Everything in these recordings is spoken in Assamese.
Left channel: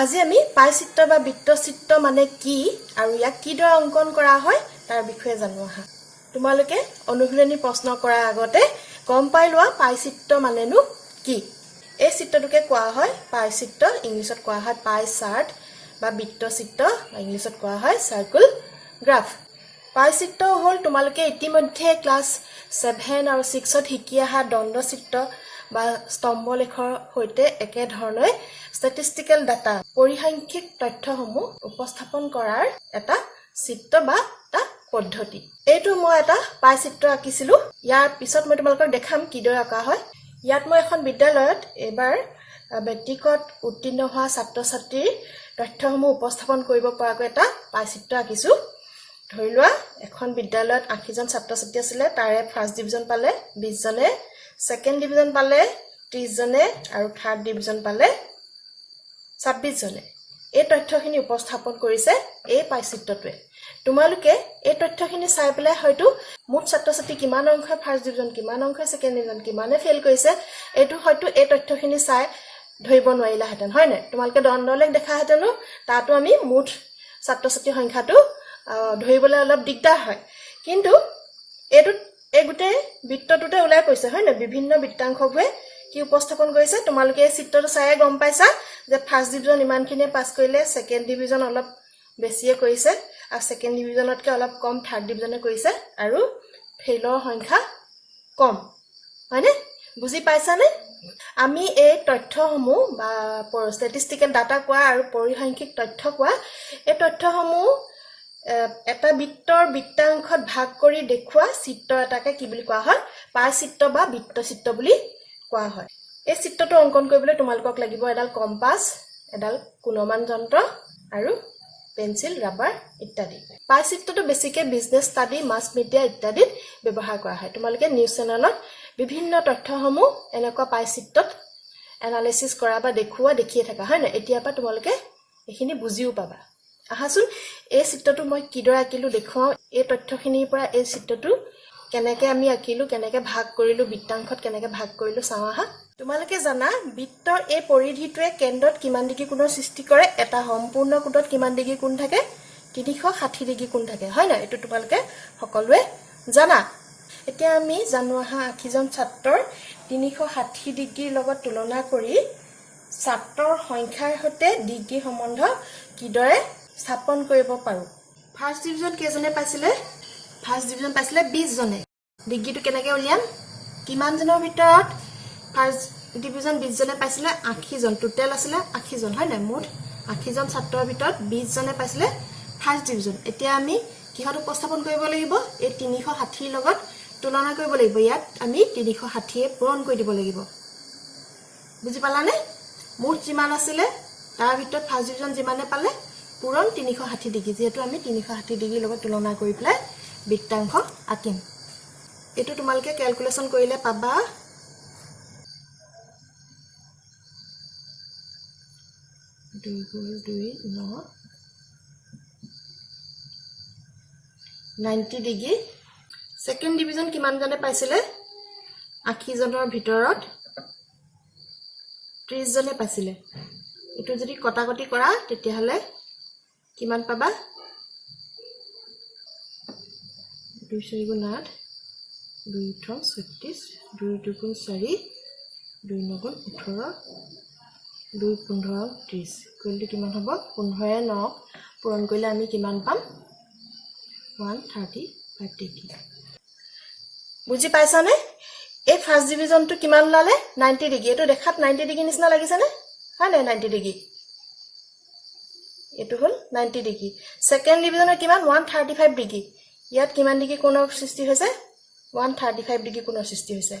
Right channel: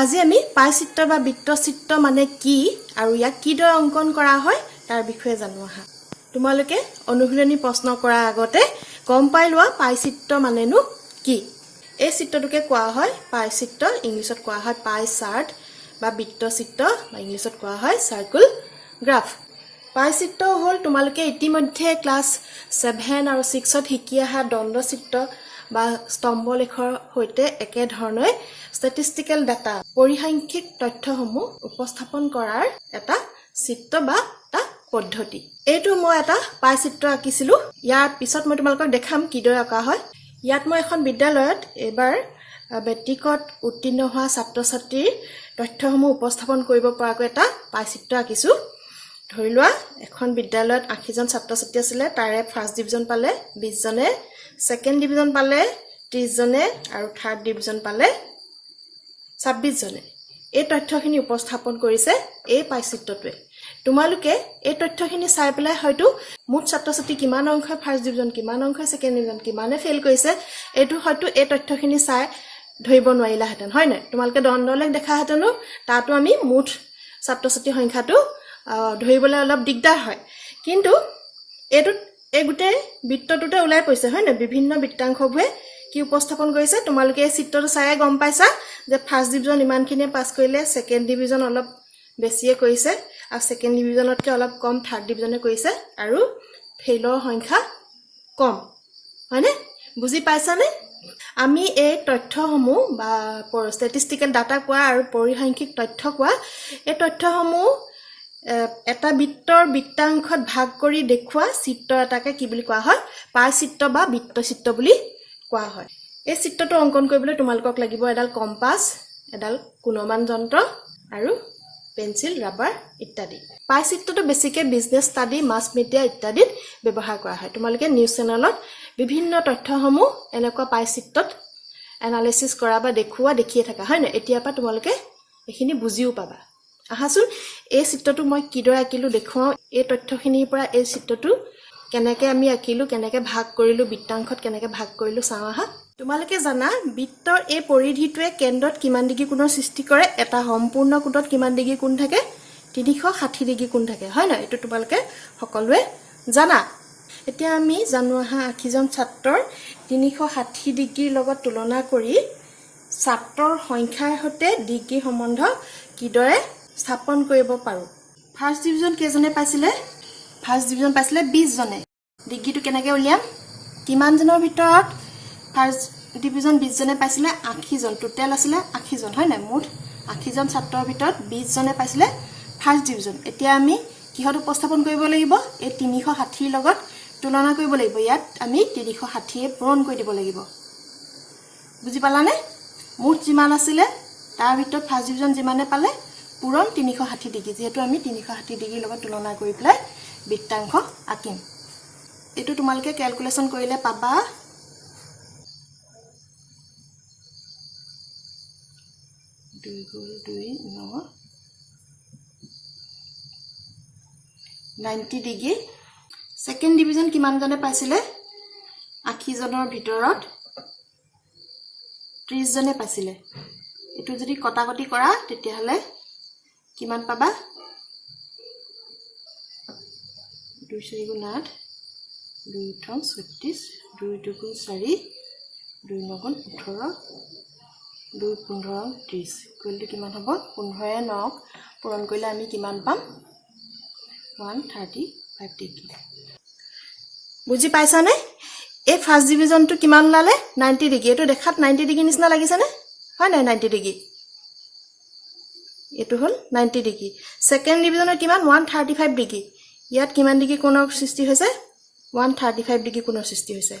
আজি আমি পাই চিত্ৰ বা বৃত্ত চিত্ৰ মানে কি আৰু ইয়াক কিদৰে অংকন কৰা হয় তাৰ বিষয়ে জানো আহা তোমালোকে অনুশীলনী প্ৰশ্ন কৰাৰ আগতে গম পাই লোৱা পাই চিত্ৰ মানেনো কি এই চিত্ৰটোকে কোৱা হয় পাই চিত্ৰ ইংলিছত কোৱা হয় পাই চাৰ্ট বা বৃত্ত চিত্ৰ বা ইংলিছত কোৱা হয় সাৰ্কেল গ্ৰাফ পাই চিত্ৰ হ'ল তোমালোকে ইতিমধ্যে ক্লাছ 7 আৰু 6ত শিকি অহা দণ্ড চিত্ৰ বা স্তম্ভলেখৰ হৈতে একে ধৰণে ষ্টেটিষ্টিকেল ডাটা পৰিসাংখ্যিক তথ্যসমূহ উপস্থাপন কৰাৰ এটা চিত্ৰ বা এটা পদ্ধতি এইটো মই এটা পাই চিত্ৰ আঁকিছিলো ইয়াৰ পিছত মই তোমালোকক দেখাম কিদৰে আঁকা হয় ইয়াত মই এখন বিদ্যালয়ত এবাৰ মেট্ৰিকত উত্তীৰ্ণ হোৱা ছাত্ৰ-ছাত্ৰীৰ তথ্যসমূহ উপস্থাপন কৰিব পৰাকৈ এটা পাই চিত্ৰ আঁকিছো ধৰি লোৱা এখন বিদ্যালয়ত 80 জন ছাত্ৰ-ছাত্ৰী আছিল তাৰে ফাৰ্ষ্ট ডিভিজন পালে 20 জনে সেকেন্ড ডিভিজন পালে 30 জনে আৰু থাৰ্ড ডিভিজন পালে 26 জনে এই তথ্যখিনি উপস্থাপন কৰিছে এই পাই চিত্ৰটোৱে তোমালোকে এই তথ্যখিনি চাই পেলাই হয়তো মুঠ ছাত্ৰ-ছাত্ৰী কিমান অংশই ফাৰ্ষ্ট ডিভিজন কিমান অংশই সেকেন্ড ডিভিজন কিমানে ফেল কৰিছে এটো হয়তো এই তথ্যখিনি চাই ধৰিব নোৱাৰিলা হেতেন হয় না তোমালোকে দণ্ডলেখ দেখা হেতেনো তাতো আমি মুঠ ছাত্ৰ-ছাত্ৰী সংখ্যাটো ধৰিবলৈ অলপ দিগদাৰ হয় কিন্তু এটো এই গুটে বৃত্তটোতে ওলাই পৰিছে হয় না বিভিন্ন বৃত্তাংশবোৰে কি উপস্থাপন কৰিছে তোমালোকে এই চিত্ৰটো চাই গম পাইছা যে ফাৰ্ষ্ট ডিভিজন ইমানখিনিয়ে পাস কৰিলে সেকেন্ড ডিভিজন অলপ বেছিয়ে কৰিছে আৰু সেকেন্ড ডিভিজনতকৈ অলপ কম থাৰ্ড ডিভিজনে কৰিছে আৰু ফেইলৰ সংখ্যা কম হয়নে বুজি পাইছানে আমি এই তথ্যসমূহ বা ষ্টেটিষ্টিকেল ডাটা কোৱা আৰু পৰিসাংখ্যিক তথ্য কোৱা এই তথ্যসমূহ এটা বৃত্তৰ বৃত্তাংশত ভাগ কৰি দেখুৱা চিত্ৰ এটাকে কি বুলি কোৱা হয় পাই চিত্ৰ বা বৃত্ত চিত্ৰ বুলি কোৱা হয় এই চিত্ৰটো অংকন কৰিবলৈ তোমালোকক লাগিব এডাল কম্পাস এডাল কোণমান যন্ত্ৰ আৰু পেন্সিল ৰাবাৰ ইত্যাদি পাই চিত্ৰটো বেছিকৈ বিজনেছ ষ্টাডি মাছ মিডিয়া ইত্যাদিত ব্যৱহাৰ কৰা হয় তোমালোকে নিউজ চেনেলত বিভিন্ন তথ্যসমূহ এনেকুৱা পাই চিত্ৰত এনালাইসিস কৰা বা দেখুৱা দেখিয়ে থাকা হয় না এতিয়াৰ পৰা তোমালোকে এখিনি বুজিও পাবা আহাসুন এই চিত্ৰটো মই কিদৰে আঁকিলো দেখুৱাও এই তথ্যখিনিৰ পৰা এই চিত্ৰটো কেনেকৈ আমি আঁকিলো কেনেকৈ ভাগ কৰিলো বৃত্তাংশত কেনেকৈ ভাগ কৰিলো চাও আহা তোমালোকে জানা বৃত্তৰ এই পৰিধিটোৱে কেন্দ্ৰত কিমান ডিগ্ৰী কোণৰ সৃষ্টি কৰে এটা সম্পূৰ্ণ কোণত কিমান ডিগ্ৰী কোণ থাকে 360 ডিগ্ৰী কোণ থাকে হয় না এটো তোমালোকে সকলোৱে জানা এতিয়া আমি জানো আহা 80 জন ছাত্ৰৰ 360 ডিগ্ৰীৰ লগত তুলনা কৰি ছাত্ৰৰ সংখ্যাৰ সৈতে ডিগ্ৰী সম্বন্ধ কিদৰে স্থাপন কৰিব পাৰো ফাৰ্ষ্ট ডিভিজন কেজনে পাইছিলে ফাৰ্ষ্ট ডিভিজন পাইছিলে 20 জনে ডিগ্ৰীটো কেনেকৈ উলিয়াম কিমান জনৰ ভিতৰত ফাৰ্ষ্ট ডিভিজন 20 জনে পাইছিলে 80 জন টোটাল আছিল 80 জন হয় না মুঠ 80 জন ছাত্ৰৰ ভিতৰত 20 জনে পাইছিলে ফাৰ্ষ্ট ডিভিজন এতিয়া আমি কিহত উপস্থাপন কৰিব লাগিব এই 360 লগত তুলনা কৰিব লাগিব ইয়াত আমি 360 এ পূৰণ কৰি দিব লাগিব বুজি পালানে মুঠ যিমান আছিল তাৰ ভিতৰত ফাৰ্ষ্ট ডিভিজন যিমানে পালে পূৰণ 360 ডিগ্ৰী যেটো আমি 360 ডিগ্ৰীৰ লগত তুলনা কৰি প্লাই বৃত্তাংশ আঁকিম এটো তোমালোকে ক্যালকুলেশন কৰিলে পাবা 2 × 2 9 90 ডিগ্ৰী সেকেন্ড ডিভিজন কিমান জনে পাইছিলে 80 জনৰ ভিতৰত 30 জনে পাইছিলে এটো যদি কটাকটি কৰা তেতিয়া হলে কিমান পাবা 2 4 × 8 2 3 36 2 2 4 2 9 18 2 15 30 কলটো কিমান হ'ব 15 9 পূৰণ কৰিলে আমি কিমান পাম 135 ডিগ্ৰী বুজি পাইছানে এই ফাৰ্ষ্ট ডিভিজনটো কিমান লালে 90 ডিগ্ৰী এটো দেখাত 90 ডিগ্ৰী নিচিনা লাগিছে নে হয় না 90 ডিগ্ৰী এটো হল 90 ডিগ্ৰী সেকেন্ড ডিভিজনৰ কিমান 135 ডিগ্ৰী ইয়াত কিমান ডিগ্ৰী কোণৰ সৃষ্টি হৈছে 135 ডিগ্ৰী কোণৰ সৃষ্টি হৈছে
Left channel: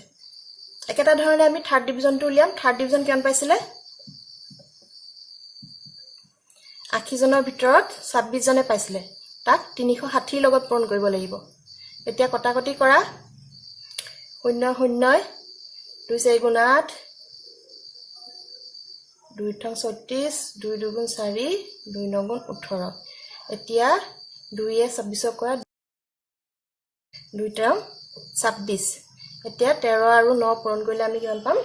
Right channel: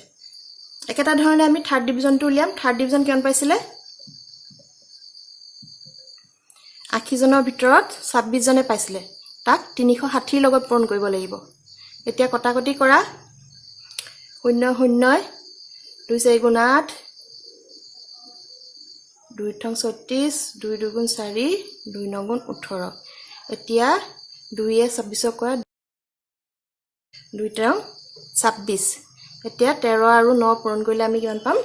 একেটা ধৰণে আমি থাৰ্ড ডিভিজনটো উলিয়াম থাৰ্ড ডিভিজন কিমান পাইছিলে 80 জনৰ ভিতৰত 26 জনে পাইছিলে তাক 360 লগত পূৰণ কৰিব লাগিব এতিয়া কটাকটি কৰা 0 0 2 4 × 8 2 3 36 2 2 4 2 9 18 এতিয়া 2 এ 26 কৰা 2 3 26 এতিয়া 13 আৰু 9 পূৰণ কৰিলে আমি কিমান পাম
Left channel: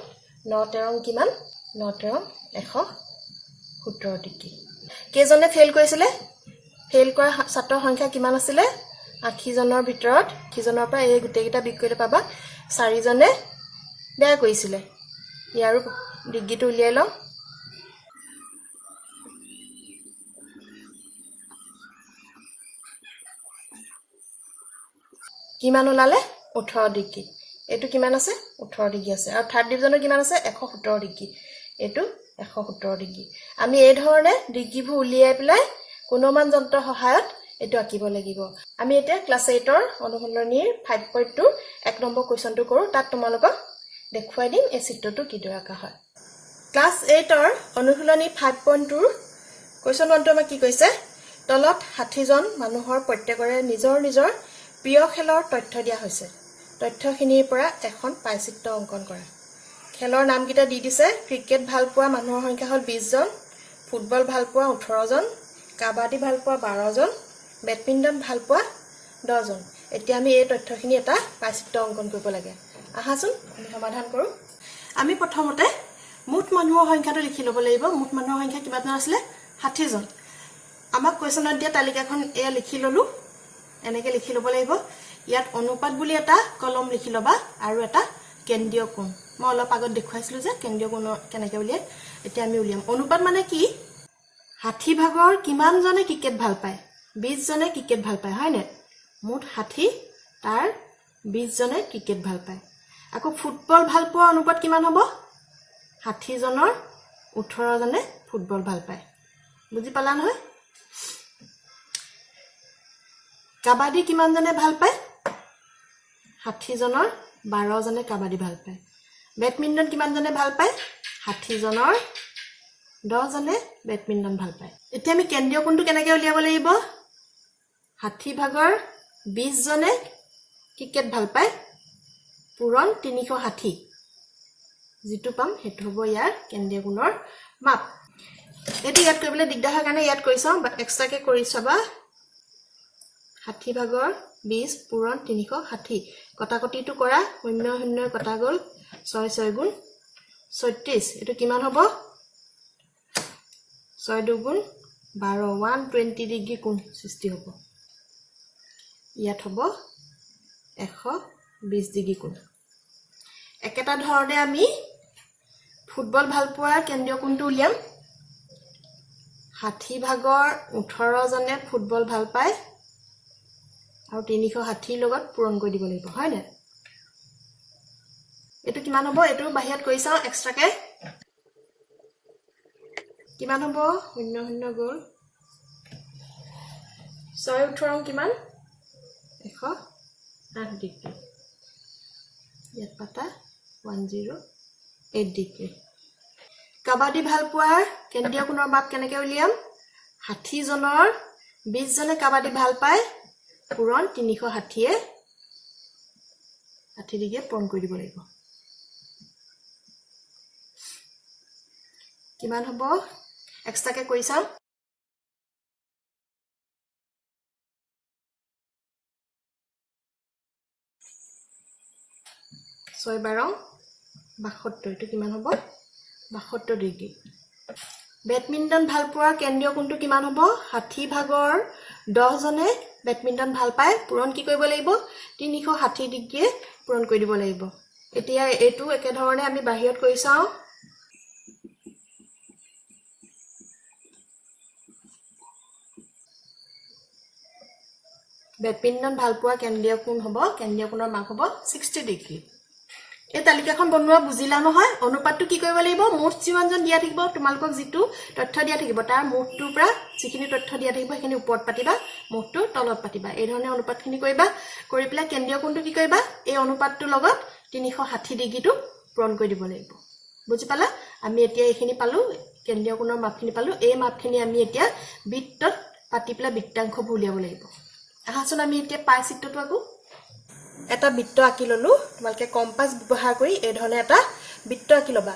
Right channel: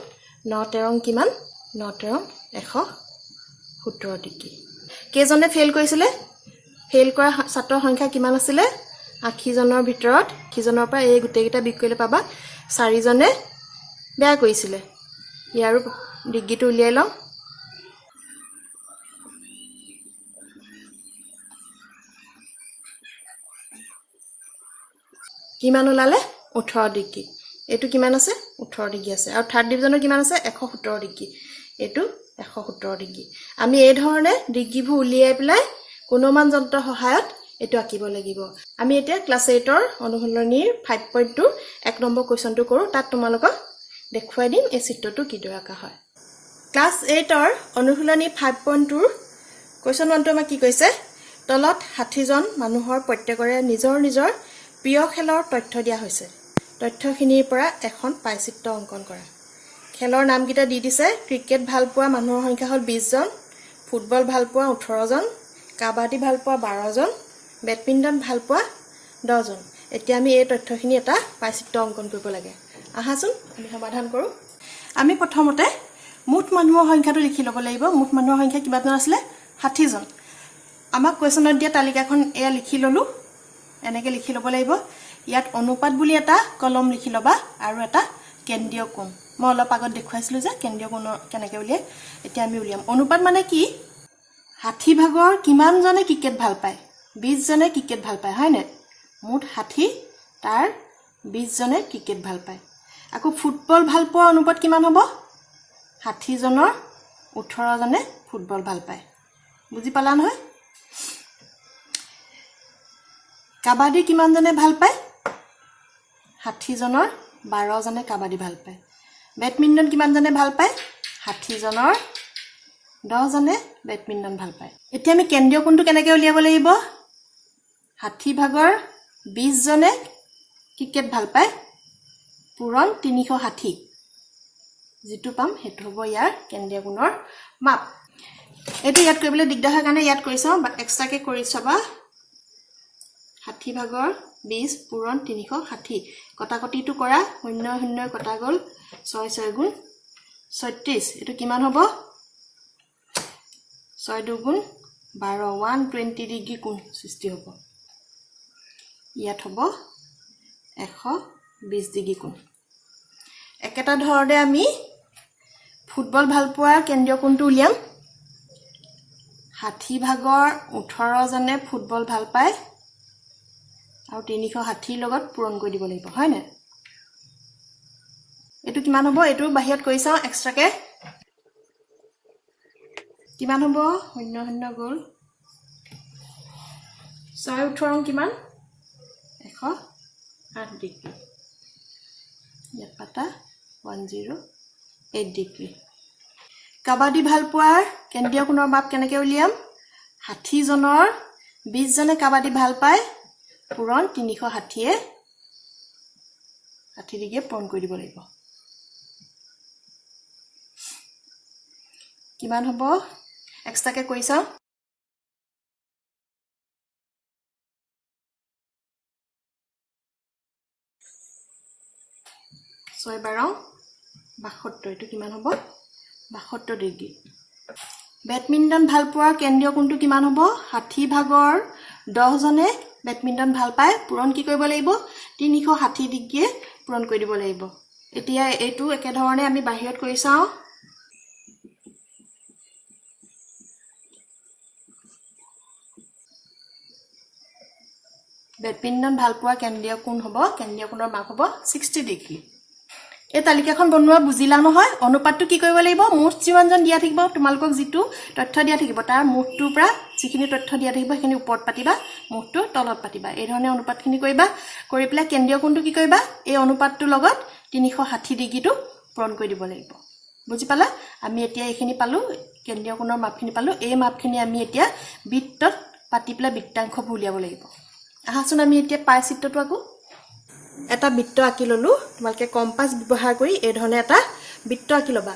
9 13 কিমান 9 13 100 17 ডিগ্ৰী কেজনে ফেল কৰিছিলে ফেল কৰা ছাত্ৰৰ সংখ্যা কিমান আছিলে 80 জনৰ ভিতৰত কিজনৰ পৰা এই গুটেকিটা বিক কৰিলে পাবা 4 জনে বেয়া কৰিছিলে ইয়াৰ ডিগ্ৰীটো উলিয়াই লওঁ কিমান ওলালে 18 ডিগ্ৰী এটো কিমান আছে 18 ডিগ্ৰী আছে আৰু থাৰ্ড ডিভিজনৰ কিমান আছে 117 ডিগ্ৰী এটো 117 ডিগ্ৰী আমি এই ধৰণে ডিগ্ৰীবোৰ উলিয়াই পেলাই কোণমান যন্ত্ৰৰ সহায়ত এটো আঁকিব লাগিব আমি এতিয়া ক্লাস 8 ৰ অনুশীলনীৰ 5.2 এক নম্বৰ কোৱেশ্চনটো কৰো তাত তোমালোকক দেখুৱাই দিম এই চিত্ৰটো কিদৰে আঁকা হয় ক্লাস 8 ৰ অনুশীলনী 5.2 ৰ কোৱেশ্চন 1টো আমাক কি কৈছে তলত 60 জন মানুহৰ প্ৰত্যেকৰে নিজৰ নিজৰ প্ৰিয় খেলৰ তথ্য দিয়া হৈছে তথ্যখিনিৰ পৰা এখন পাই চিত্ৰ অংকন কৰা খেলৰ নামকেইটা দি দিছে ক্ৰিকেট ভাল পোৱা মানুহৰ সংখ্যা হ'ল 20 জন ফুটবল ভাল পোৱা 18 জন কাবাডী ভাল পোৱা 12 জন বেডমিণ্টন ভাল পোৱা 10 জন এতিয়া আমি এই তথ্যখিনি এটা পাই চিত্ৰ অংকন কৰিব লাগে আহাচোন আমি সমাধান কৰো আমি প্ৰথমতে মুঠ মানুহৰ সংখ্যাটো লিখি ল'ব লাগিব মুঠ মানুহৰ সংখ্যা কিমান আছিল 60 জন আমাক কোৱেশ্চনত দিয়া তালিকাখন এয়া লিখি ললো এনেকে লিখি ল'ব লাগিব ইয়াত অনুপাত বুলি এটা কলম লিখি লবা আৰু এটা কেন্দ্ৰীয় কোণ মই অলপ আগত দেখুৱাইছিলো যে কেন্দ্ৰীয় কোণ কেনেকৈ উলিয়াই এতিয়া আমি উলিয়াম অনুপাত মানে কি 60 ভাগৰ কিমান জনে ক্ৰিকেট ভাল পায় 20 জনে ক্ৰিকেট ভাল পায় হয় নে মুঠ 60 তাৰ 20 জনে ক্ৰিকেট ভাল পায় আকৌ ফুটবল ভাল পোৱা অনুপাত কিমান হ'ব 60 জনৰ 18 জনে ফুটবল ভাল পায় বুজি পালা নহয় কাবাডী কিমান জনে ভাল পায় 60 জনৰ 12 জনে কাবাডী ভাল পায় বেডমিণ্টন কিমান জনে ভাল পায় 60 জনৰ 10 জনে বেডমিণ্টন ভাল পায় এতিয়া আমি কেন্দ্ৰীয় কোণটো কেনেকৈ উলিয়াব লাগিব 60 ভাগৰ 20 জনে ক্ৰিকেট ভাল পায় পূৰণ 360 যেটো পাম হেতু হ'ব ইয়াৰ কেন্দ্ৰীয় কোণৰ মাপ এটো ইয়াত কৰিবলৈ দিগদাৰ হয় কাৰণে ইয়াত কৰিছাও বাট এক্সট্ৰাকে কৰি চাবা 60 ভাগৰ 20 পূৰণ 360 কটাকটিটো কৰা 0 0 কটা গল 6 6 গুণ 36 এটো কিমান হ'ব 6 2 গুণ 12 120 ডিগ্ৰী কোণ সৃষ্টি হ'ব ইয়াত হ'ব 120 ডিগ্ৰী কোণ একেটা ধৰণে আমি ফুটবল ভাল পোৱা কেন্দ্ৰীয় কোণটো উলিয়াম 60 ভাগৰ 18 জনে ফুটবল ভাল পায় আৰু 360 লগত পূৰণ কৰি দিব লাগিব হয় নে এটো কিমান হ'ব এটো বাহিৰত কৈছা এক্সট্ৰাকে কিমান হ'ব 0 0 গল 6 18 কিমান 108 ডিগ্ৰী ইয়াত পাতা 108 ডিগ্ৰী কাবাডী ভাল পোৱাৰ কেন্দ্ৰীয় কোণৰ মাপ কেনেকৈ উলিয়াম 60 জনৰ 20 জনে কাবাডী ভাল পায় পূৰণ 360 60 ডিগ্ৰী পূৰণ কৰি দিব লাগিব কিমান হ'ব এক্সট্ৰাকে কৈছা 6 12 72 এটো কিমান হ'ব 72 ডিগ্ৰী বেডমিণ্টন ভাল পোৱাৰ কেন্দ্ৰীয় কোণটো কিমান হ'ব 60 ভাগৰ 10 জনে বেডমিণ্টন ভাল পায় পূৰণ কি কৰিব লাগিব 360 ডিগ্ৰী পূৰণ কৰি দিব লাগিব এতিয়া এটো একে ধৰণে আমি বাহিৰত কৰি চাও বেডমিণ্টন ভাল পোৱা কেন্দ্ৰীয় কোণ হ'ব কেন্দ্ৰীয় কোণৰ মাপ হ'ব 60 ডিগ্ৰী এই তালিকাখন বনোৱা বুজিলা নহয় অনুপাতটো কি কৰিব লাগিব মুঠ যিমানজন দিয়া থাকিব তোমালোকক যেটো তথ্য দিয়া থাকিব তাৰ মুঠটোৰ পৰা যিখিনি তথ্য দিয়া থাকিব সেইখিনি ওপৰত পাতিবা মুঠটো তলত পাতিবা এই ধৰণে অনুপাতখিনি কৰিবা কৰি পেলাই কেন্দ্ৰীয় কোণটো কি কৰিবা এই অনুপাতটোৰ লগত 360 ডিগ্ৰীটো পূৰণ কৰি দিব লাগিব বুজি পালা আমি এতিয়া এইখিনি পালো কেন্দ্ৰীয় কোণৰ মাপখিনি পালো এই মাপখিনি আমি এতিয়া বৃত্তত পাতি পেলাই বৃত্তাংশ উলিয়াব লাগিব আহাচোন আমি এতিয়া পাই চিত্ৰটো আকো এটা বৃত্ত আঁকি ললো তোমালকে কম্পাস ব্যৱহাৰ কৰি এই ধৰণে এটা বৃত্ত আঁকি লবা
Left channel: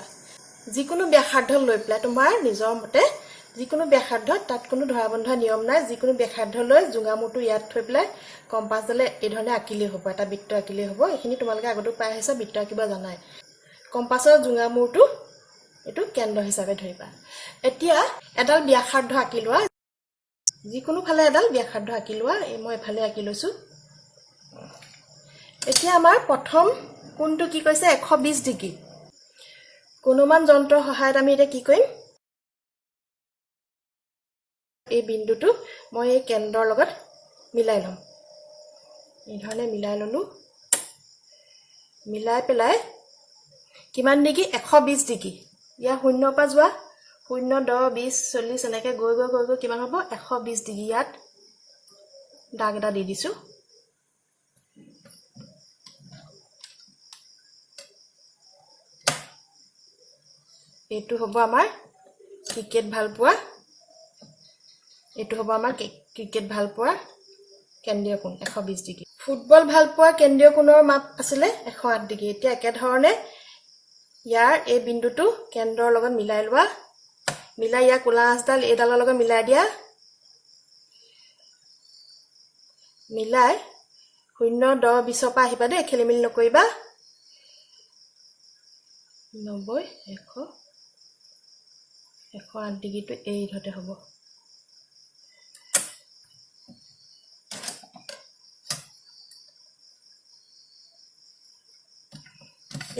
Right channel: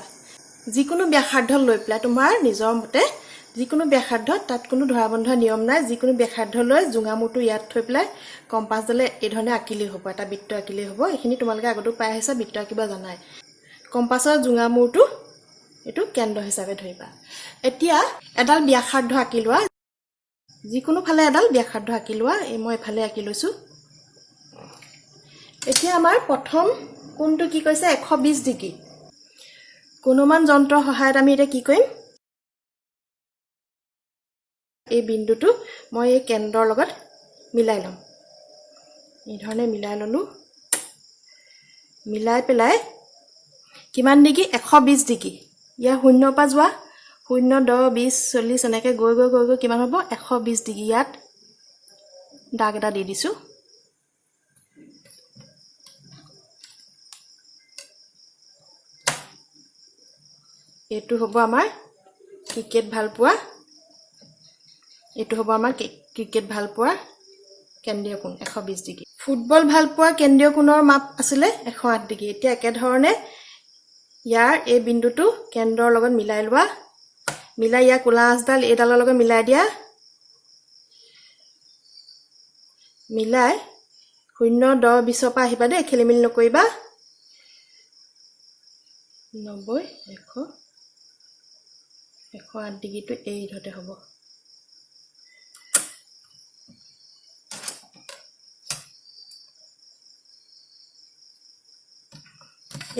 যিকোনো ব্যাসাৰ্ধ লৈ পেলাই তোমাৰ নিজৰ মতে যিকোনো ব্যাসাৰ্ধ তাত কোনো ধৰাবন্ধ নিয়ম নাই যিকোনো ব্যাসাৰ্ধ লৈ জুঙামুটো ইয়াত থৈ পেলাই কম্পাস দলে এই ধৰণে আঁকিলেই হ'ব এটা বৃত্ত আঁকিলেই হ'ব এইখিনি তোমালকে আগতো পাই আহিছা বৃত্ত আঁকিবা জানাই কম্পাসৰ জুঙামুটো এইটো কেন্দ্ৰ হিচাপে ধৰিবা এতিয়া এডাল ব্যাসাৰ্ধ আঁকি লোৱা যিকোনো ফালে এডাল ব্যাসাৰ্ধ আঁকি লোৱা এই মই এফালে আঁকি লৈছো এতিয়া আমাৰ প্ৰথম কোণটো কি কৈছে 120 ডিগ্ৰী কোণমান যন্ত্ৰৰ সহায়ত আমি এটা কি কৰিম এই বিন্দুটো মই এই কেন্দ্ৰৰ লগত মিলাই লম এই ধৰণে মিলাই ললো মিলাই পেলাই কিমান ডিগ্ৰী 120 ডিগ্ৰী ইয়া শূন্যৰ পৰা যোৱা 0 10 20 40 এনেকৈ গৈ গৈ গৈ গৈ কিমান হ'ব 120 ডিগ্ৰী ইয়াত দাগ এটা দি দিছো এইটো হ'ব আমাৰ ক্ৰিকেট ভাল পোৱা এইটো হ'ব আমাৰ ক্ৰিকেট ভাল পোৱা কেন্দ্ৰীয় কোণ 120 ডিগ্ৰী ফুটবল ভাল পোৱা কেন্দ্ৰীয় কোণৰ মাপ আছিলে 108 ডিগ্ৰী এতিয়া একে ধৰণে ইয়াৰ এই বিন্দুটো কেন্দ্ৰৰ লগত মিলাই লোৱা মিলাই ইয়া কোলা আঁচডাল এইডালৰ লগত মিলাই দিয়া মিলাই 0 10 20 পৰা আহিবা দেই খেলিমেলি নকৰিবা 90 100 108 ডিগ্ৰীটো এই ধতে হ'ব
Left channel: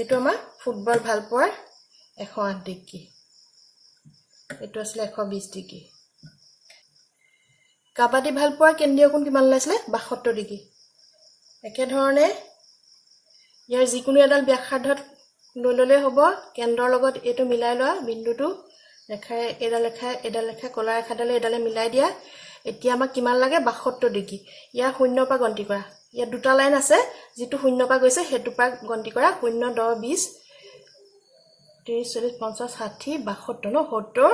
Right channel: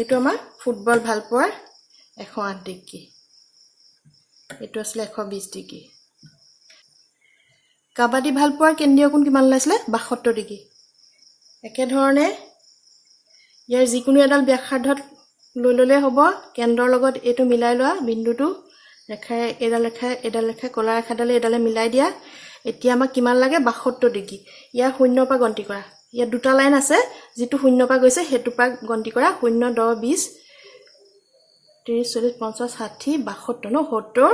এইটো আমাৰ ফুটবল ভাল পোৱাৰ 108 ডিগ্ৰী এইটো আছিল 120 ডিগ্ৰী কাবাডী ভাল পোৱাৰ কেন্দ্ৰীয় কোণ কিমান ওলাইছিলে 72 ডিগ্ৰী একে ধৰণে ইয়াৰ যিকোনো এডাল ব্যাসাৰ্ধত লৈ ললে হ'ব কেন্দ্ৰৰ লগত এইটো মিলাই লোৱা বিন্দুটো ৰেখাৰে এডাল ৰেখা কলা ৰেখাডালে এডালে মিলাই দিয়া এতিয়া আমাক কিমান লাগে 72 ডিগ্ৰী ইয়াৰ শূন্যৰ পৰা গন্তি কৰা ইয়াত দুটা লাইন আছে যেটো শূন্যৰ পৰা গৈছে হেতু পৰা গন্তি কৰা 0 10 20 30 40 50 60 72 ন 70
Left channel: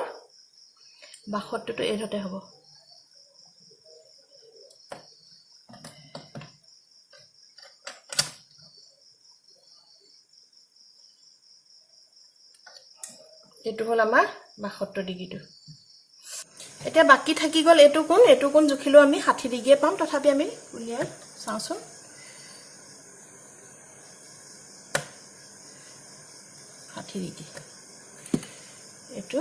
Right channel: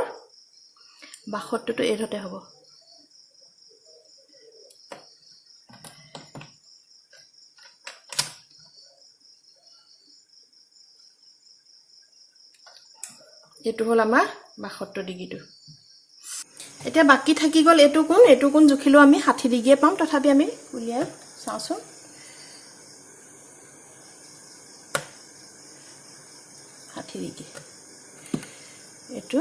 72 টো এই ধতে হ'ব এইটো হল আমাৰ 72 ডিগ্ৰীটো এতিয়া বাকি থাকি গল এইটো কোণ জুখিলো আমি 60 ডিগ্ৰীয়ে পাম তথাপি আমি উলিয়াই চাওঁছো এইটো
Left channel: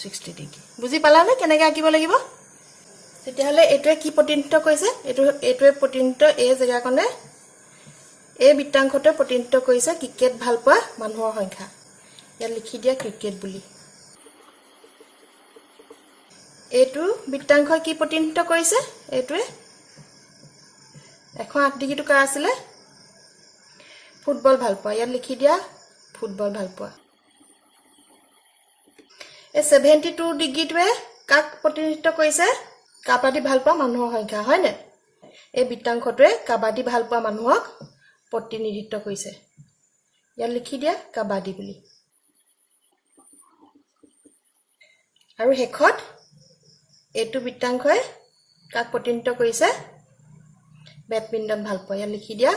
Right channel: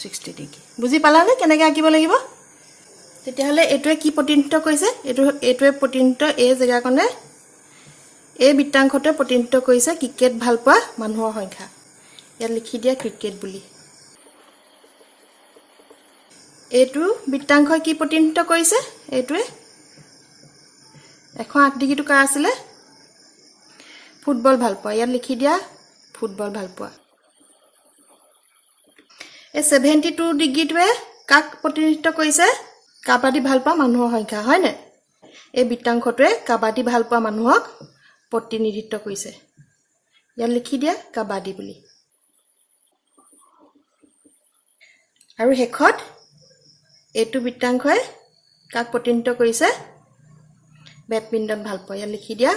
60 ডিগ্ৰী বুজি পালানে কেনেকৈ আঁকিব লাগিব তেতিয়াহলে এইটোৱে কি প্ৰতিনিধিত্ব কৰিছে এইটোৱে প্ৰতিনিধিত্ব এই জেগাকনে এই বৃত্তাংশটোৱে প্ৰতিনিধিত্ব কৰিছে ক্ৰিকেট ভাল পোৱা মানুহৰ সংখ্যা ইয়াত লিখি দিয়া ক্ৰিকেট বুলি এইটো বৃত্তাংশই কি প্ৰতিনিধিত্ব কৰিছে এইটোৱে 108 ডিগ্ৰীটো কাৰ আছিলে ফুটবল ভাল পোৱা ইয়াত লিখি দিয়া ফুটবল ভাল পোৱা এই 72 ডিগ্ৰীটোৱে কাক প্ৰতিনিধিত্ব কৰিছে কাবাডী ভাল পোৱা মানুহৰ সংখ্যা হয় নে এই বৃত্তাংশটোৱে কাবাডী ভাল পোৱা মানুহক প্ৰতিনিধিত্ব কৰিছে ইয়াত লিখি দিয়া কাবাডী বুলি আৰু হেখত এইটো বৃত্তাংশই কাক প্ৰতিনিধিত্ব কৰিছে বেডমিণ্টন ভাল পোৱা ইয়াত লিখি দিয়া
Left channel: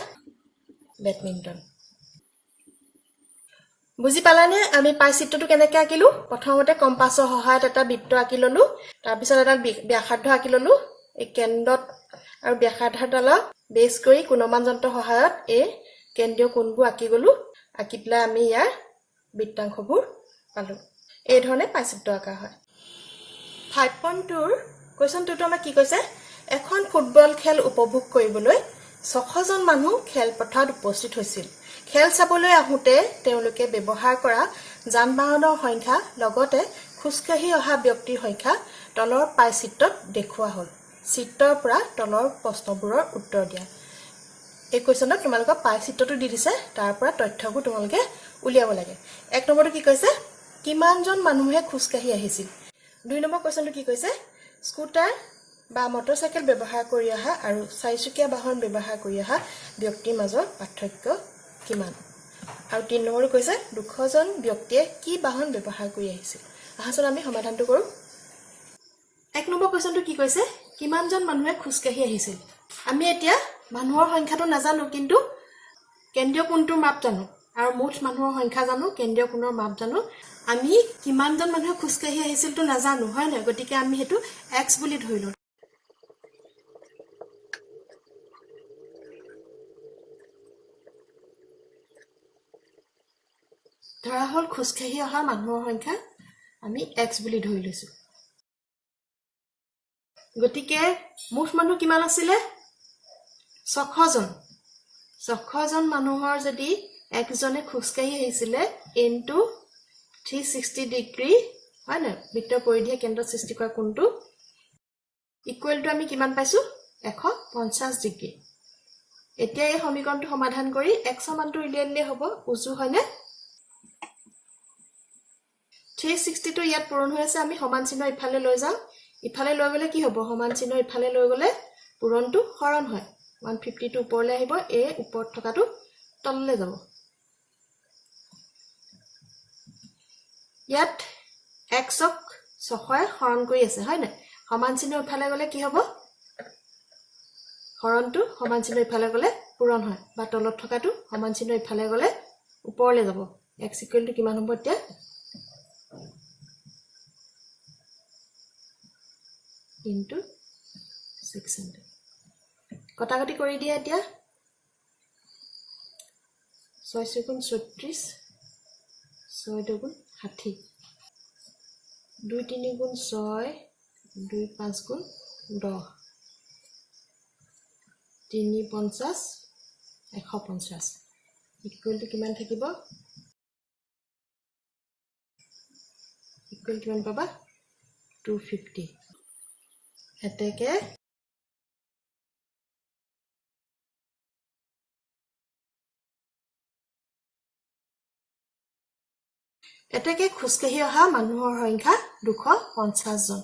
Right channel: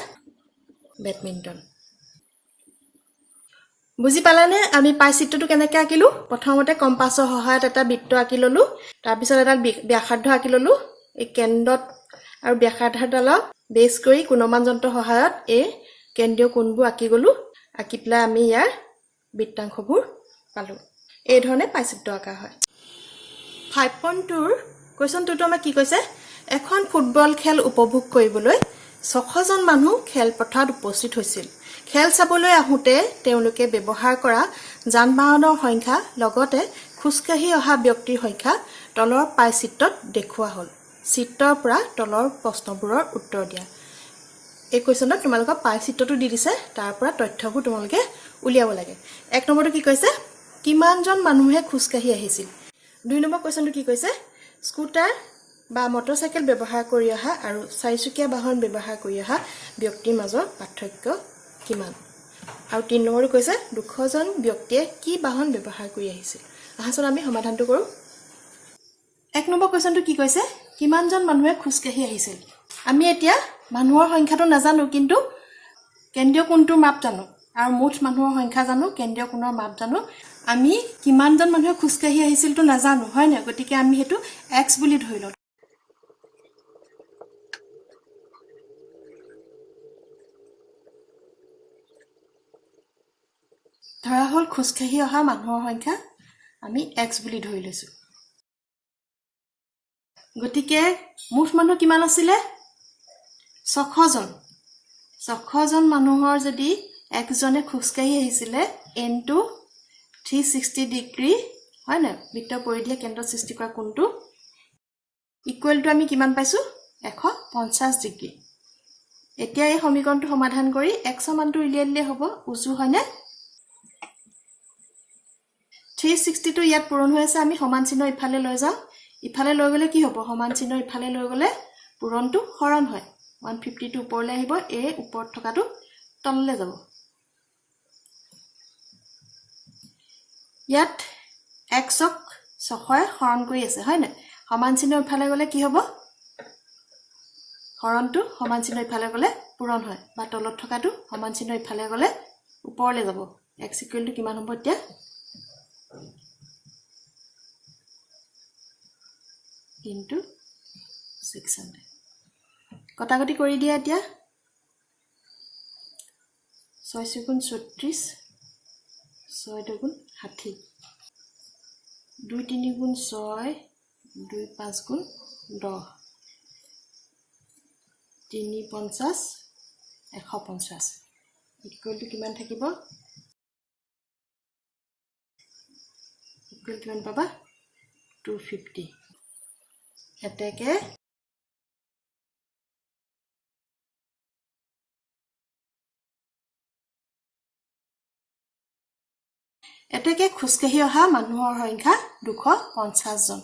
বেডমিণ্টন বুজি পালানে আমি পাই চিত্ৰটো কেনেকৈ আঁকিলো প্ৰথমতে কম্পাছৰ সহায়ত এটা বৃত্ত আঁকি ললো তাৰ পিছত এটা ব্যাসাৰ্ধ আঁকি ললো এই কেন্দ্ৰত আৰু ব্যাসাৰ্ধডালক বেছ কৰি কোণমান যন্ত্ৰৰ সহায়ত এই কেন্দ্ৰীয় কোণবোৰ আঁকি গলো আঁকি পেলাই আমি ইয়াৰ বৃত্তাংশবোৰ পালো এই ধৰণে পাই চিত্ৰ আঁকা হয় 5.2 ৰ কোৱেশ্চনটো আমাক কি কৈছে এখন ফুটবল খেল উপভোগ কৰিবলৈ 600 জন মানুহ খেলপথাৰত উপস্থিত হৈছিল খেল চাবলৈ আহোতে তেওঁলোকে ব্যৱহাৰ কৰা যান-বাহনৰ সংখ্যা লগতে খুজকাঢ়ি অহা ব্যক্তিৰ সংখ্যা তলৰ পাই চিত্ৰত দেখুওৱা হ'ল চিত্ৰৰ পৰা তলৰ প্ৰশ্নবোৰৰ উত্তৰ দিয়া এই কোৱেশ্চনত তোমালোকক পাই চিত্ৰটো দি দিছে তাৰ পৰা তথ্যবোৰ তোমালোকে উলিয়াব লাগে এক নম্বৰটো কি কৈছে কিমানজন মানুহে খুজকাঢ়ি আহিছিল দুই নম্বৰ কোৱেশ্চনটো কি কৈছে স্কুটাৰ বা মটৰচাইকেল ব্যৱহাৰ কৰি অহা আৰু চাৰিচকীয়া বাহন ব্যৱহাৰ কৰি অহা ব্যক্তিৰ মাজৰ পাৰ্থক্য কিমান আৰু তিন নম্বৰটো কৈছে 200 জন ব্যক্তিয়ে কি বাহন ব্যৱহাৰ কৰি আহিছিল আহাচোন আমি সমাধানটো কৰো এক নম্বৰ কোৱেশ্চনটো কি কৈছে কিমানজন মানুহে খুজকাঢ়ি আহিছিল আমি এতিয়া মানুহৰ সংখ্যাটো নাজানো কিন্তু কেন্দ্ৰীয় কোণটোৰ মাপ জানো আৰু মুঠ মানুহৰ সংখ্যা জানো কেন্দ্ৰীয় কোণৰ মাপ জানো আমি কিমানজন মানুহে খুজকাঢ়ি আহিছিলটো নাজানো হয় না গতিকে আমি হেতু x বুলি ধৰিলো ধৰা হল খোজকাঢ়ি অহা মানুহৰ সংখ্যা আমি x বুলি ধৰি লৈছো গতিকে মুঠ মানুহ কিমান আছিল 600 জন 600 জন মানুহৰ যদি একজনে খোজকাঢ়ি আহিছিল into 360 ডিগ্ৰী হয় না বৃত্ত পৰিধিয়ে কেন্দ্ৰ সৃষ্টি কৰা কোণটো ইকুৱেল টু আমি কিমান পাইছো 150 ডিগ্ৰী এতিয়া এই সমীকৰণটো সমাধান কৰি x ৰ মানটো উলিয়াই দিলে হ'ব উজু হয়নে 360 টো ইয়াত পূৰণ হৈ আছে আমি সমান চিহ্ন ইফালে লৈ যাও ইফালে লৈ গলে কি হ'ব সমান চিহ্ন ইফালে লৈ গলে পূৰণটো হৰণ হয় 150 টো ওপৰলৈ আহিব এ ওপৰত থকাটো তললৈ যাব ইয়াত x ক 600 হৰণ কৰি আছে হয় না সমান চিহ্ন ইফালে গলে কি হ'ব হৰণটো সমান চিহ্ন ইফালে গলে পূৰণ হয় বা তলত থকাটো সমান চিহ্ন ইফালে গলে ওপৰলৈ যাব x ইকুৱেল টু কিমান হ'ব এতিয়া into 600 কটাকটি কৰি দিয়া এতিয়া 6 গুণ 36 6 দুগুণ 60 2 3 গুণ 6 2 5 গুণ 10 3 50 150 ইকুৱেল টু কিমান থাকিব ইকুৱেল কিমান পাবা 250 এতেকে খোজকাঢ়ি অহা মানুহৰ সংখ্যা 250 জন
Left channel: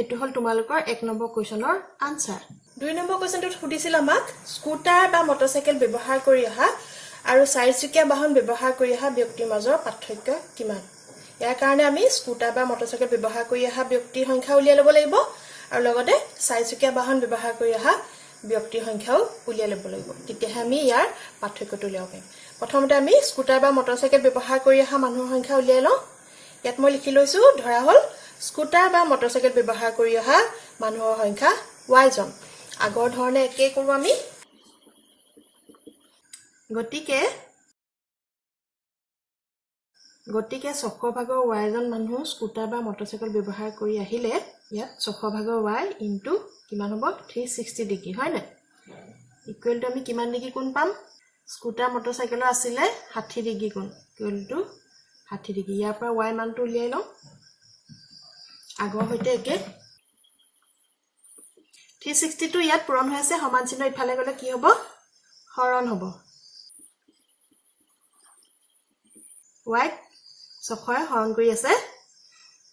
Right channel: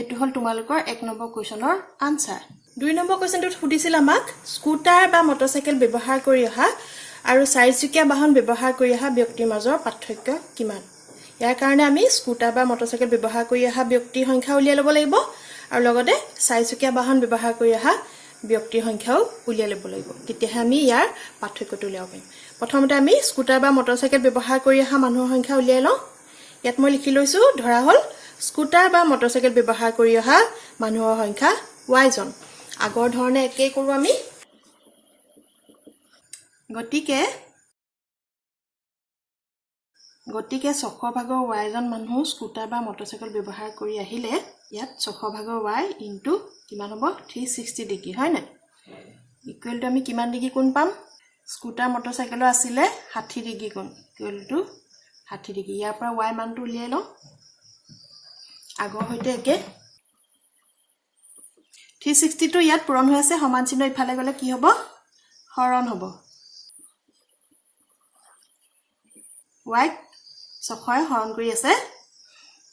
এটো হল তোমালোকৰ 1 নম্বৰ কোৱেশ্চনৰ আনসাৰ 2 নম্বৰ কোৱেশ্চনটোত সুধিছিল আমাক স্কুটাৰ বা মটৰচাইকেল ব্যৱহাৰ কৰি অহা আৰু চাৰিচকীয়া বাহন ব্যৱহাৰ কৰি অহা ব্যক্তিৰ মাজৰ পাৰ্থক্য কিমান ইয়াৰ কাৰণে আমি স্কুটাৰ বা মটৰচাইকেল ব্যৱহাৰ কৰি অহা ব্যক্তিৰ সংখ্যা উলিয়াই ল'ব লাগিব আৰু লগতে চাৰিচকীয়া বাহন ব্যৱহাৰ কৰি অহা ব্যক্তিৰ সংখ্যাও উলিয়াই ল'ব লাগিব তেতিয়াহে আমি ইয়াৰ পাৰ্থক্যটো উলিয়াব পাৰিম প্ৰথমতে আমি স্কুটাৰ বা মটৰচাইকেল ব্যৱহাৰ কৰি অহা মানুহৰ সংখ্যা উলিয়াই লওঁ ইয়াত মই লিখি লৈছো ধৰা হল স্কুটাৰ বা মটৰচাইকেল ব্যৱহাৰ কৰি অহা মানুহৰ সংখ্যা y জন আগৰ ধৰণে একে কৰো আমি গতিকে 600 ভাগৰ y জন মানুহ স্কুটাৰ বা মটৰচাইকেল ব্যৱহাৰ কৰি আহিলে ইয়াত 600 ভাগৰ y ইনটু কিমান হ'ব 360 ডিগ্ৰী হয় না ইকুৱেল টু আমি কিমান ডিগ্ৰী কোণ পাম স্কুটাৰ মটৰচাইকেলৰ আছিলে 60 ডিগ্ৰী কোণ ইকুৱেল টু 60 ডিগ্ৰী ইয়াৰ পৰা y মানটো উলিয়াই লওঁ আগৰ হৈতে একে 360 টো ইয়াত পূৰণ হৈ আছে সমান চিহ্ন ইফালে গলে কি হ'ব হৰণ হ'ব y 600 হৰণ কৰি আছে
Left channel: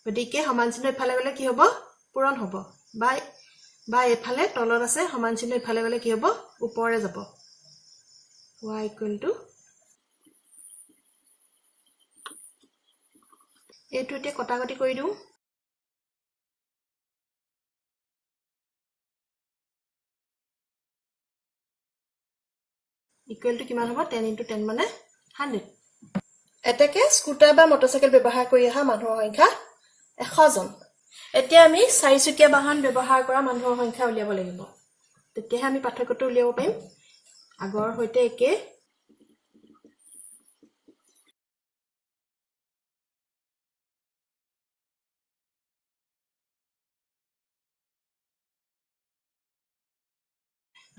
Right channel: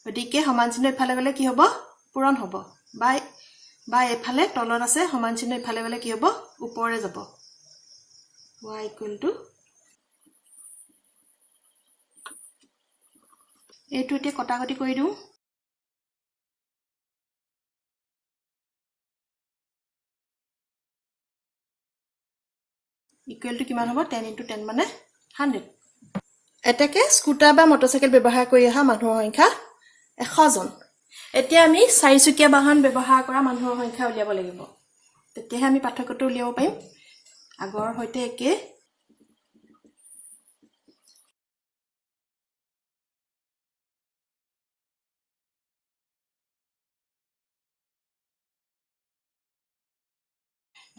গতিকে সমান চিহ্ন ইফালে গলে কি হ'ব পূৰণ হ'ব বা এফালে তলত আছে সমান চিহ্ন ইফালে গলে কি হ'ব ওপৰলৈ যাব y ইকুৱেল টু এইটো এতিয়া কটাকটি কৰি দিওঁ ইকুৱেল টু কিমান হ'ব 10 into 10 মানে 100 এটাকে স্কুটাৰ বা মটৰচাইকেল ব্যৱহাৰ কৰি অহা মানুহৰ সংখ্যা 100 জন এতিয়া আমি চাৰিচকীয়া বাহন ব্যৱহাৰ কৰা মানুহৰ সংখ্যা উলিয়াব লাগিব তেতিয়াহে আমি পাৰ্থক্যটো উলিয়াব পাৰিম আগৰ হৈতে একে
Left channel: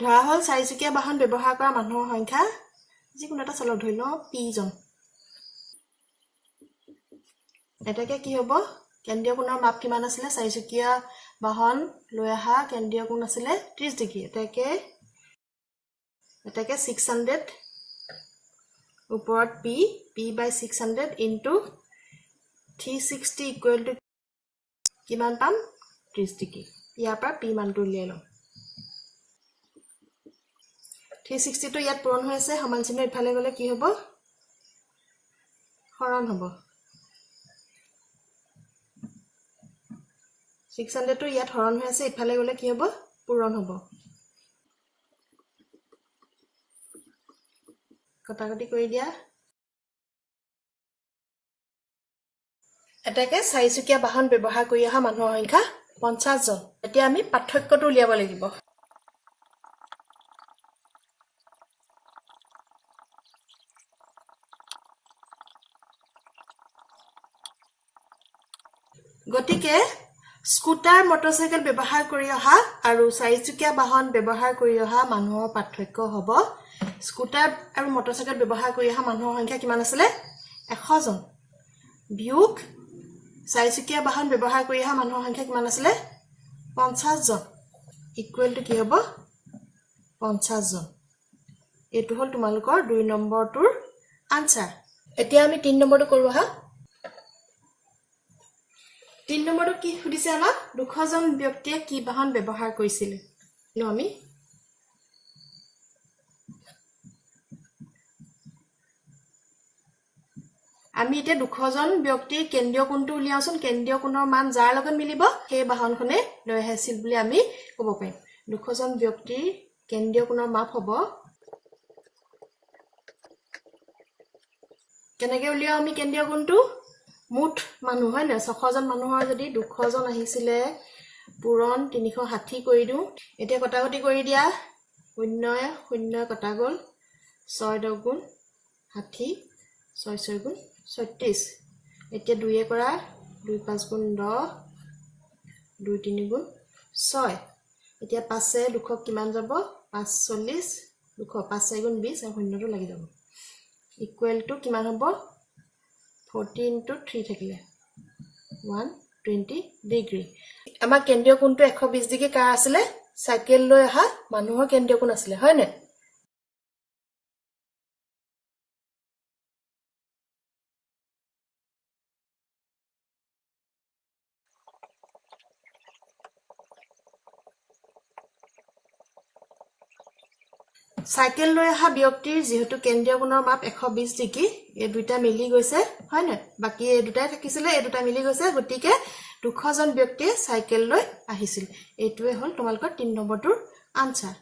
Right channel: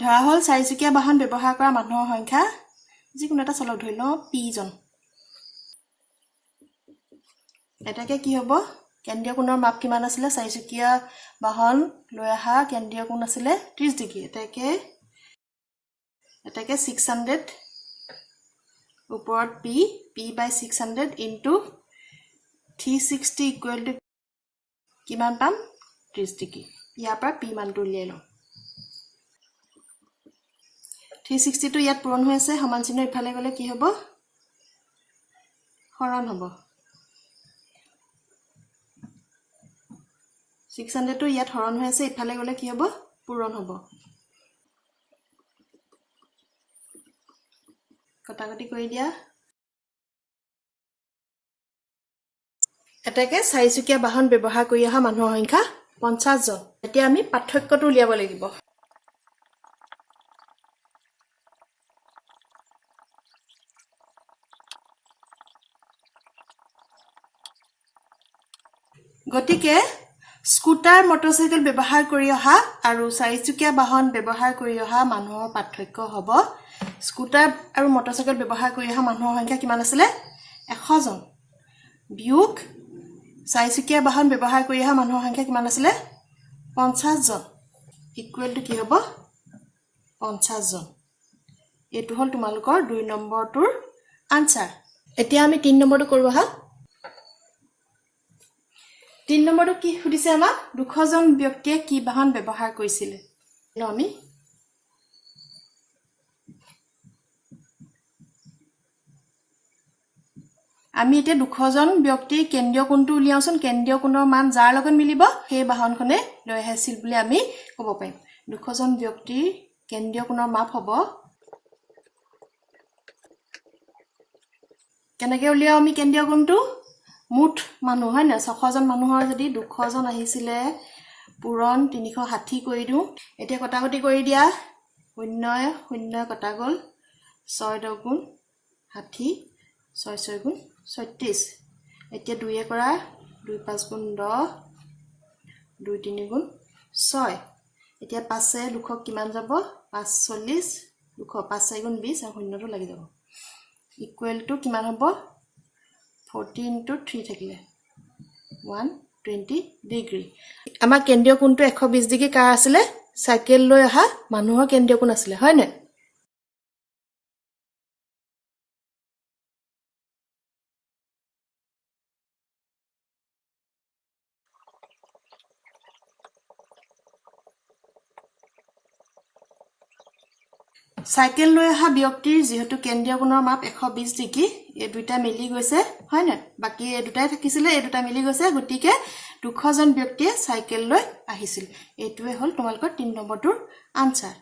ধৰা হল চাৰিচকীয়া বাহন ব্যৱহাৰ কৰা মানুহৰ সংখ্যা যিকোনো এটা চলক ধৰি লওঁ p জন এটাকে কি হ'ব কেন্দ্ৰীয় কোণৰ মাপ কিমান আছিল চাৰিচকীয়া বাহন লৈ আহা কেন্দ্ৰীয় কোণ আছিল 30 ডিগ্ৰী এটাকে 600 ওপৰত p by 600 into 360 equal to কিমান পাম 30 ডিগ্ৰী ইয়াৰ পৰা p মানটো উলিয়াই লওঁ 360 টো ইয়াত পূৰণ হৈ আছে সমান চিহ্ন ইফালে গলে কি হ'ব হৰণ হ'ব 600 টো ইয়াত হৰণ হৈ আছে ইফালে গলে কি হ'ব পূৰণ হ'ব কটাকটি কৰি দিয়া এটাকে চাৰিচকীয়া বাহন ব্যৱহাৰ কৰি অহা মানুহৰ সংখ্যা 50 জন এতিয়া আমি পাৰ্থক্যটো উলিয়াব লাগিব গতিকে স্কুটাৰ মটৰচাইকেল ব্যৱহাৰ কৰি অহা আৰু চাৰিচকীয়া বাহন ব্যৱহাৰ কৰি অহা মানুহৰ পাৰ্থক্য হ'ব স্কুটাৰ আৰু মটৰচাইকেল ব্যৱহাৰ কৰি অহা মানুহৰ সংখ্যা কিমান আছিল 100 জন বিয়োগ চাৰিচকীয়া বাহন ব্যৱহাৰ কৰি অহা মানুহৰ সংখ্যা কিমান আছিল 50 জন ইকুৱেল টু কি হ'ব 50 জন এটো হল তোমালোকৰ 2 নম্বৰটোৰ আনসাৰ এতিয়া আমি 3 নম্বৰটো কৰো হা 3 নম্বৰটো কি সুধিছে আমাক 200 জন ব্যক্তিয়ে কি বাহন ব্যৱহাৰ কৰিছিল আমি এতিয়া 200 জন ব্যক্তিৰ কেন্দ্ৰীয় কোণটো উলিয়াওচোন কেন্দ্ৰীয় কোণৰ মান যাৰ লগত মিলিব সেই বাহনখনে লৈ আহিছিল বুলি আমি ক'ব পাৰিম 200 জন ব্যক্তিৰ কেন্দ্ৰীয় কোণৰ মাপ হ'ব কেনেকৈ উলিয়াও আমি কেন্দ্ৰীয় কোণটো মুঠ মানুহ হয় না 600 জন মানুহৰ যদি 200 জন আহিছিলে পূৰণ 360 কৰি দিও এতিয়া কটাকটি কৰি দিয়া 0 0 কটা গল 6 10 গুণ 60 6 6 গুণ 36 এতিয়া 2 কৰা 2 5 গুণ 10 2 3 গুণ 6 এতিয়া 5 এ 200 কিমান যাব 540 200 5 4 গুণ 20 আৰু শূন্যটো লাগি যাব ইকুৱেল টু কিমান হ'ব 40 into 3 থাকিলে 120 ডিগ্ৰী আমাৰ কেন্দ্ৰীয় কোণটো 120 ডিগ্ৰী কাৰ আছিল সাইকেল লৈ অহা মানুহৰ কেন্দ্ৰীয় কোণ আছিল হয় নে সাইকেল লৈ অহা ব্যক্তিৰ যেহেতু কেন্দ্ৰীয় কোণৰ মাপ 120 ডিগ্ৰী এই দুটা মিলি গৈছে হয় না বাকি এই দুটাই থাকিছিল এই দুটা মিলি গৈছে গতিকে 200 জন ব্যক্তিয়ে সাইকেল লৈ আহিছিল এইটোৱে হল তোমালোকৰ 3 নম্বৰটোৰ আনসাৰ